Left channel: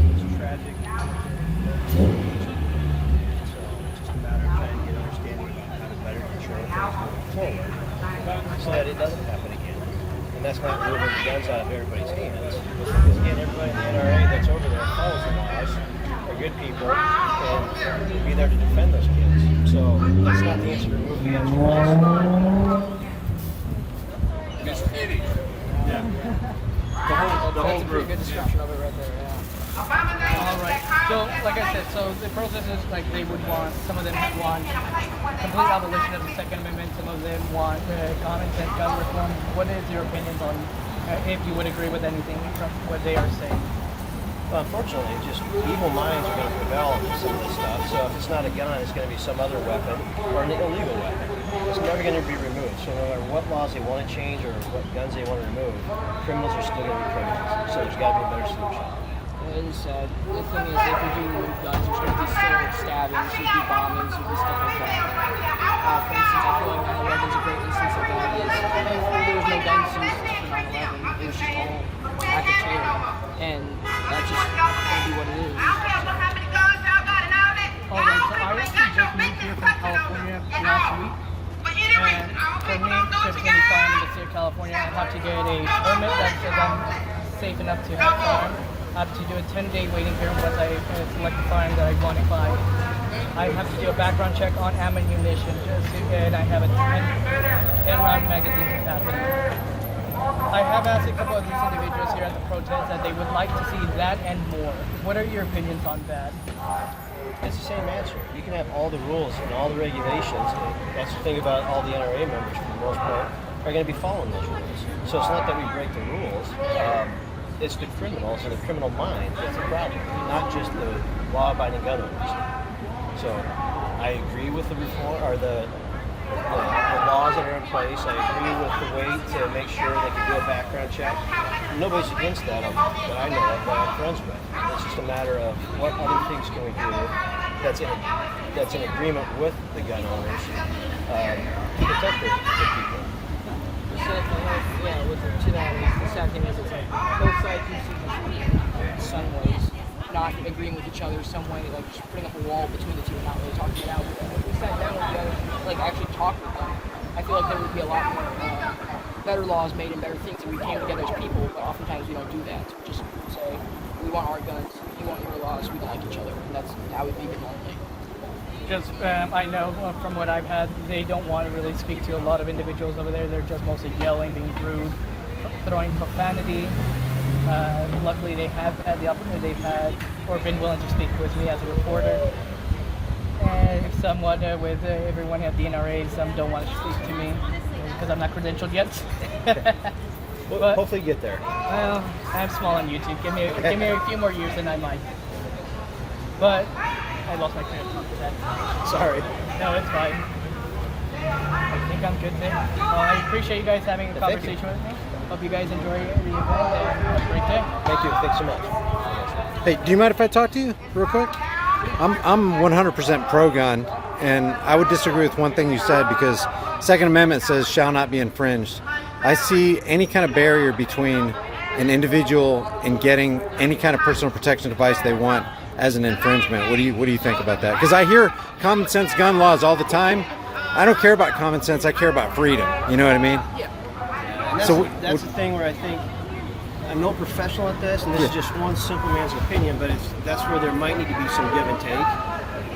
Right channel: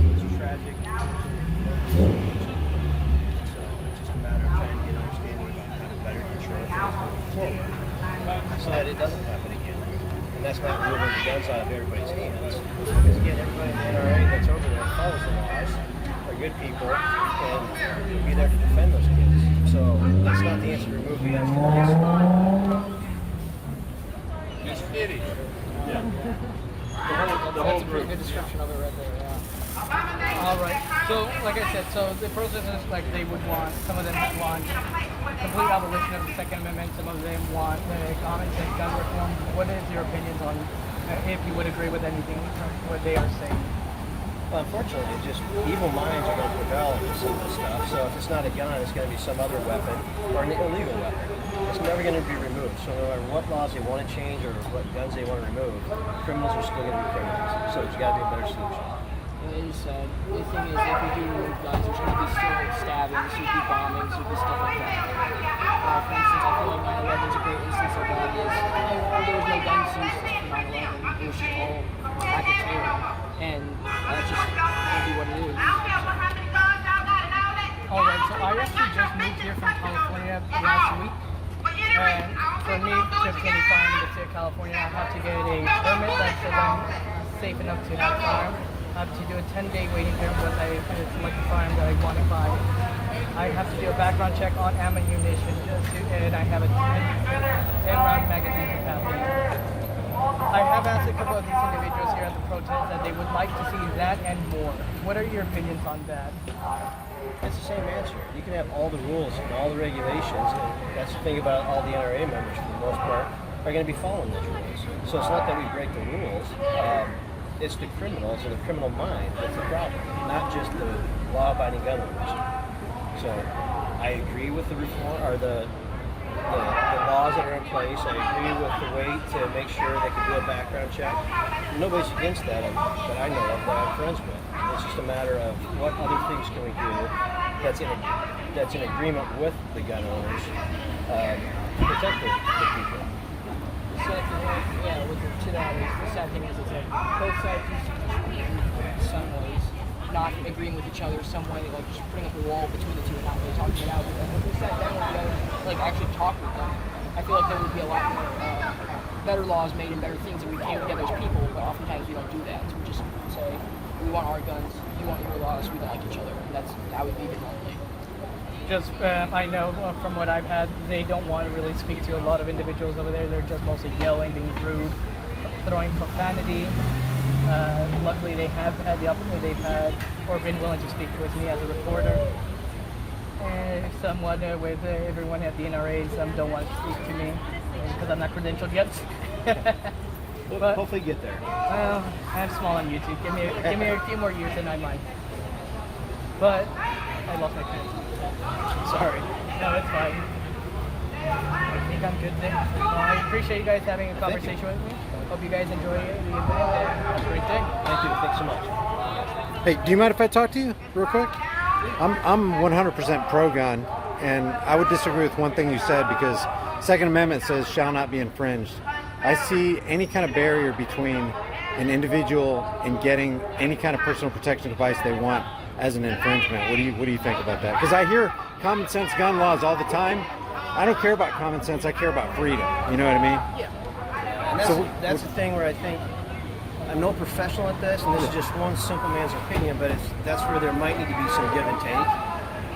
that was tragic. So it's just a matter of trying to get understanding about how to better control things moving forward so that it doesn't happen again. And that's not removing the guns out of everybody's hands. Because again, everybody in the NRA that's over there follows the laws, are good people, and will be there to defend those kids. So that's not the answer to remove the guns from us. It's finished. Yeah. That's a pretty good description of it right there, yeah. Alright, so like I said, so the process is like they would want, some of them want complete abolition of the Second Amendment, some of them want common sense gun reform. What is your opinions on if you would agree with anything from what they are saying? Well, unfortunately, just evil minds are going to prevail in some of this stuff. So if it's not a gun, it's going to be some other weapon or an illegal weapon. It's never going to be removed. So no matter what laws they want to change or what guns they want to remove, criminals are still going to be criminals. So there's got to be a better solution. Like you said, the thing is, if we do remove guns, there's going to be still stabbings, there'll be bombings, there'll be stuff like that. For instance, I feel like 9/11 is a great instance of that. There was no guns used for 9/11. It was just all act of terror, and that's just going to be what it is. Alright, so I actually just moved here from California last week. And for me, just to be farm in the state of California, I have to get a permit that says I'm safe enough to have farm. I have to do a 10-day waiting period once I select the farm that I want to buy. I have to do a background check on ammunition, and I have a 10-round magazine capacity. I have asked a couple of these individuals here at the protest that they would like to see that and more. What are your opinions on that? It's the same answer. You can have all the rules and all the regulations. And that's the thing about all the NRA members, for the most part, are going to be following those rules. So it's not that we break the rules. It's the criminals or the criminal mind that's the problem, not just the law-abiding gun owners. So I agree with the reform or the laws that are in place. I agree with the way to make sure they can do a background check. Nobody's against that that I know of that I'm friends with. It's just a matter of what other things can we do that's in agreement with the gun owners to protect the people. Yeah, to that is the sad thing is it's like both sides do see some ways not agreeing with each other, some way like just putting up a wall between the two and not really talking it out. But if we sat down with the other, like actually talk with them, I feel like there would be a lot more better laws made and better things, and we came together as people. But oftentimes we don't do that. So we just say we want our guns, we want your laws, we don't like each other, and that's how we leave it normally. Just, I know from what I've had, they don't want to really speak to a lot of individuals over there. They're just mostly yelling, being rude, throwing profanity. Luckily, they have had the opportunity, they've had, or been willing to speak with me as a reporter. And somewhat with everyone at the NRA, some don't want to speak to me because I'm not credentialed yet. But hopefully get there. Well, I'm small on YouTube. Give me a few more years and I might. But I lost my train of thought with that. Sorry. No, it's fine. I think I'm good then. I appreciate you guys having a conversation with me. Hope you guys enjoy the event. Have a great day. Thank you. Thanks so much. Hey, do you mind if I talk to you real quick? I'm 100% pro-gun, and I would disagree with one thing you said because Second Amendment says shall not be infringed. I see any kind of barrier between an individual and getting any kind of personal protection device they want as an infringement. What do you think about that? Because I hear common sense gun laws all the time. I don't care about common sense. I care about freedom. You know what I mean? Yeah. And that's the thing where I think I'm no professional at this, and this is just one simple man's opinion, but that's where there might need to be some give and take.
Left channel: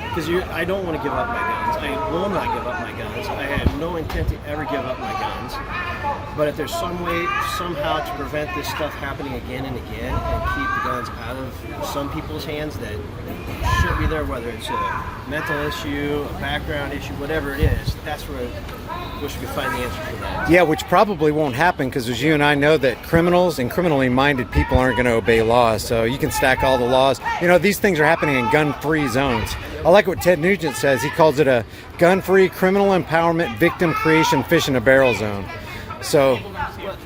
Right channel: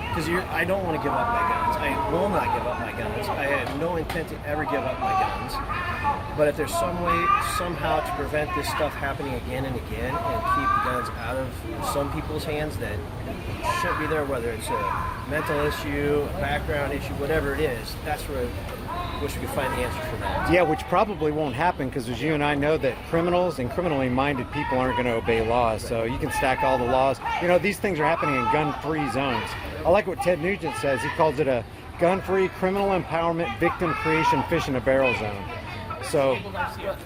Because I don't want to give up my guns. I will not give up my guns. I have no intent to ever give up my guns. But if there's some way, somehow, to prevent this stuff happening again and again and keep the guns out of some people's hands that shouldn't be there, whether it's a mental issue, a background issue, whatever it is, that's where I wish we could find the answer for that. Yeah, which probably won't happen because as you and I know that criminals and criminally minded people aren't going to obey laws. So you can stack all the laws. You know, these things are happening in gun-free zones. I like what Ted Nugent says. He calls it a gun-free criminal empowerment victim creation fish in a barrel zone. So well,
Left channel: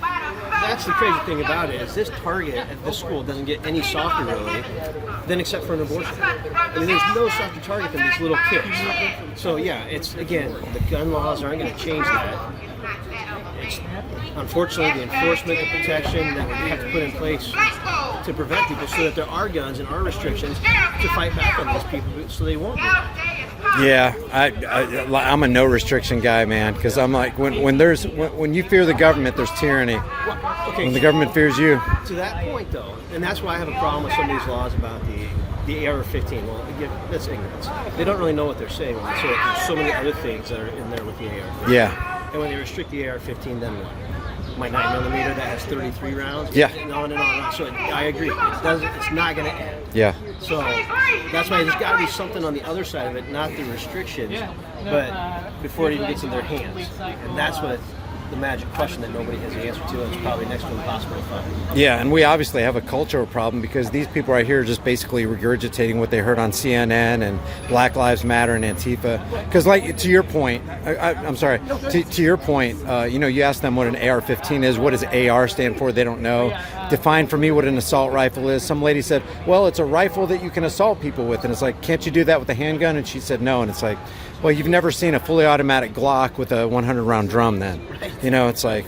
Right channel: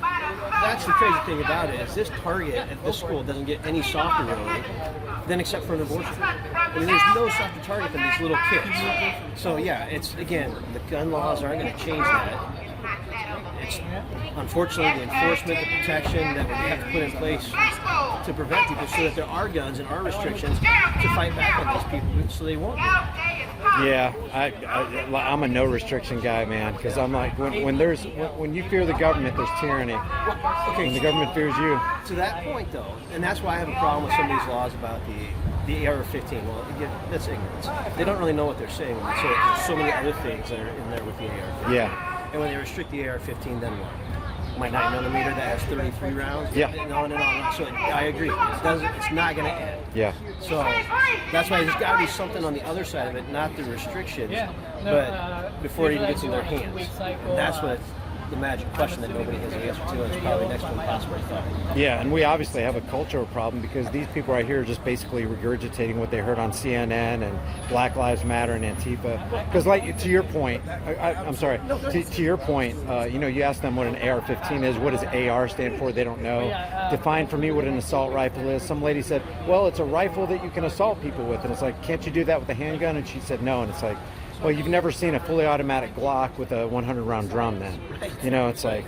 that's the crazy thing about it is this target at this school doesn't get any softer really than except for an abortion. I mean, there's no softer target than these little kids. So yeah, it's again, the gun laws aren't going to change that. It's unfortunately the enforcement, the protection that we have to put in place to prevent people so that there are guns and are restrictions to fight back on these people so they won't do that. Yeah, I'm a no restriction guy, man, because I'm like, when you fear the government, there's tyranny. Well, okay, When the government fears you. to that point, though, and that's why I have a problem with some of these laws about the AR-15. Well, again, that's ignorance. They don't really know what they're saying when they say that there's so many other things that are in there with the AR-15. Yeah. And when they restrict the AR-15, then what? My 9mm that has 33 rounds? Yeah. And on and on and on. So I agree. It's not going to end. Yeah. So that's why there's got to be something on the other side of it, not the restrictions, but before it even gets in their hands. And that's what the magic question that nobody has the answer to, and it's probably next to impossible to find. Yeah, and we obviously have a cultural problem because these people right here are just basically regurgitating what they heard on CNN and Black Lives Matter and Antifa. Because, like, to your point, I'm sorry, to your point, you ask them what an AR-15 is. What does AR stand for? They don't know. Define for me what an assault rifle is. Some lady said, well, it's a rifle that you can assault people with. And it's like, can't you do that with a handgun? And she said no. And it's like, well, you've never seen a fully automatic Glock with a 100-round drum then. It's like...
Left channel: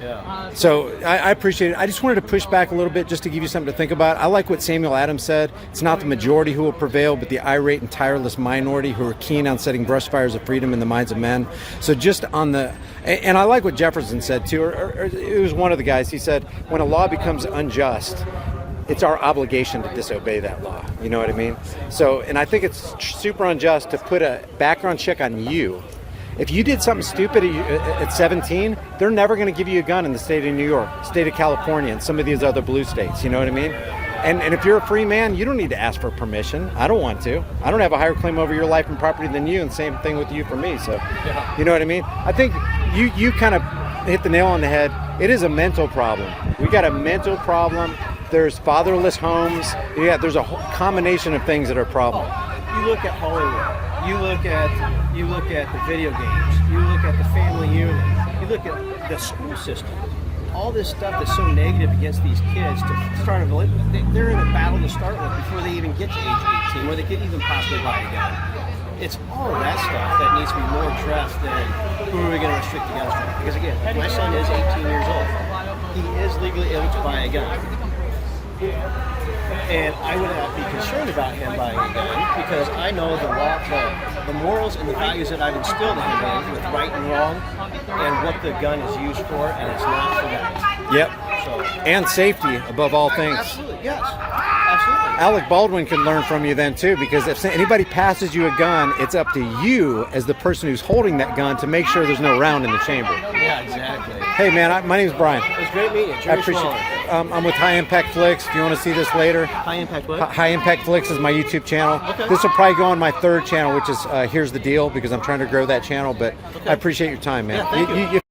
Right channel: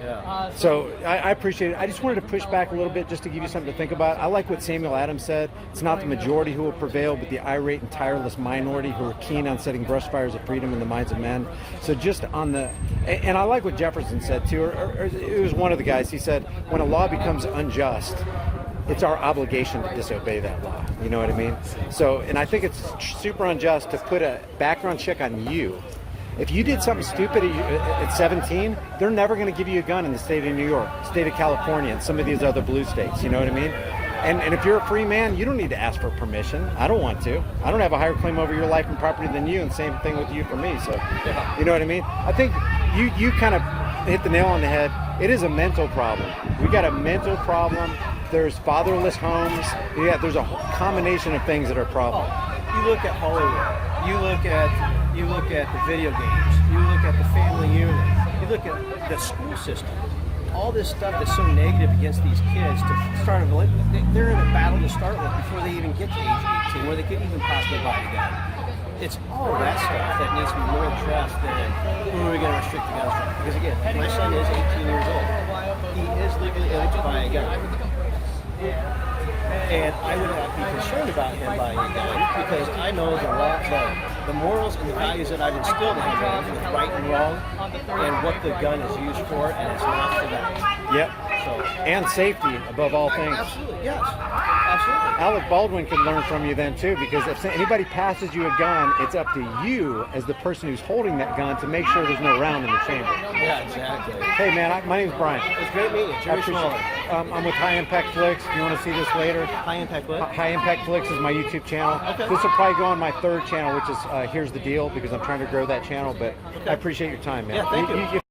Yeah. So I appreciate it. I just wanted to push back a little bit just to give you something to think about. I like what Samuel Adams said. It's not the majority who will prevail, but the irate and tireless minority who are keen on setting brush fires of freedom in the minds of men. So just on the... And I like what Jefferson said, too. Or it was one of the guys. He said, when a law becomes unjust, it's our obligation to disobey that law. You know what I mean? So, and I think it's super unjust to put a background check on you. If you did something stupid at 17, they're never going to give you a gun in the state of New York, state of California, and some of these other blue states. You know what I mean? And if you're a free man, you don't need to ask for permission. I don't want to. I don't have a higher claim over your life and property than you, and same thing with you for me. So, you know what I mean? I think you kind of hit the nail on the head. It is a mental problem. We got a mental problem. There's fatherless homes. There's a whole combination of things that are a problem. You look at Hollywood. You look at the video games. You look at the family unit. You look at the school system. All this stuff that's so negative against these kids to start they're in a battle to start with before they even get to age 18, where they could even possibly buy a gun. It's all of that stuff that needs to be more addressed than who are we going to restrict the guns from. Because again, my son is 18 years old. He is legally able to buy a gun. And I would not be concerned about him buying a gun because I know the morals and the values that I've instilled in him with right and wrong and what the gun is used for, and it's not for that. Yep. So, and safety above all things. Absolutely, yes. Absolutely. Alec Baldwin can learn from you then too, because if anybody passes you a gun, it's up to you as the person who's holding that gun to make sure there's no round in the chamber. Yeah, exactly. Hey man, my name's Brian. It's great meeting you. I appreciate it. I'm with High Impact Flicks. If you want to see this later, High Impact what? High Impact Flicks is my YouTube channel. Okay. This will probably go on my third channel, which is Here's the Deal, because I'm trying to grow that channel. But I appreciate your time, man. Yeah, thank you. You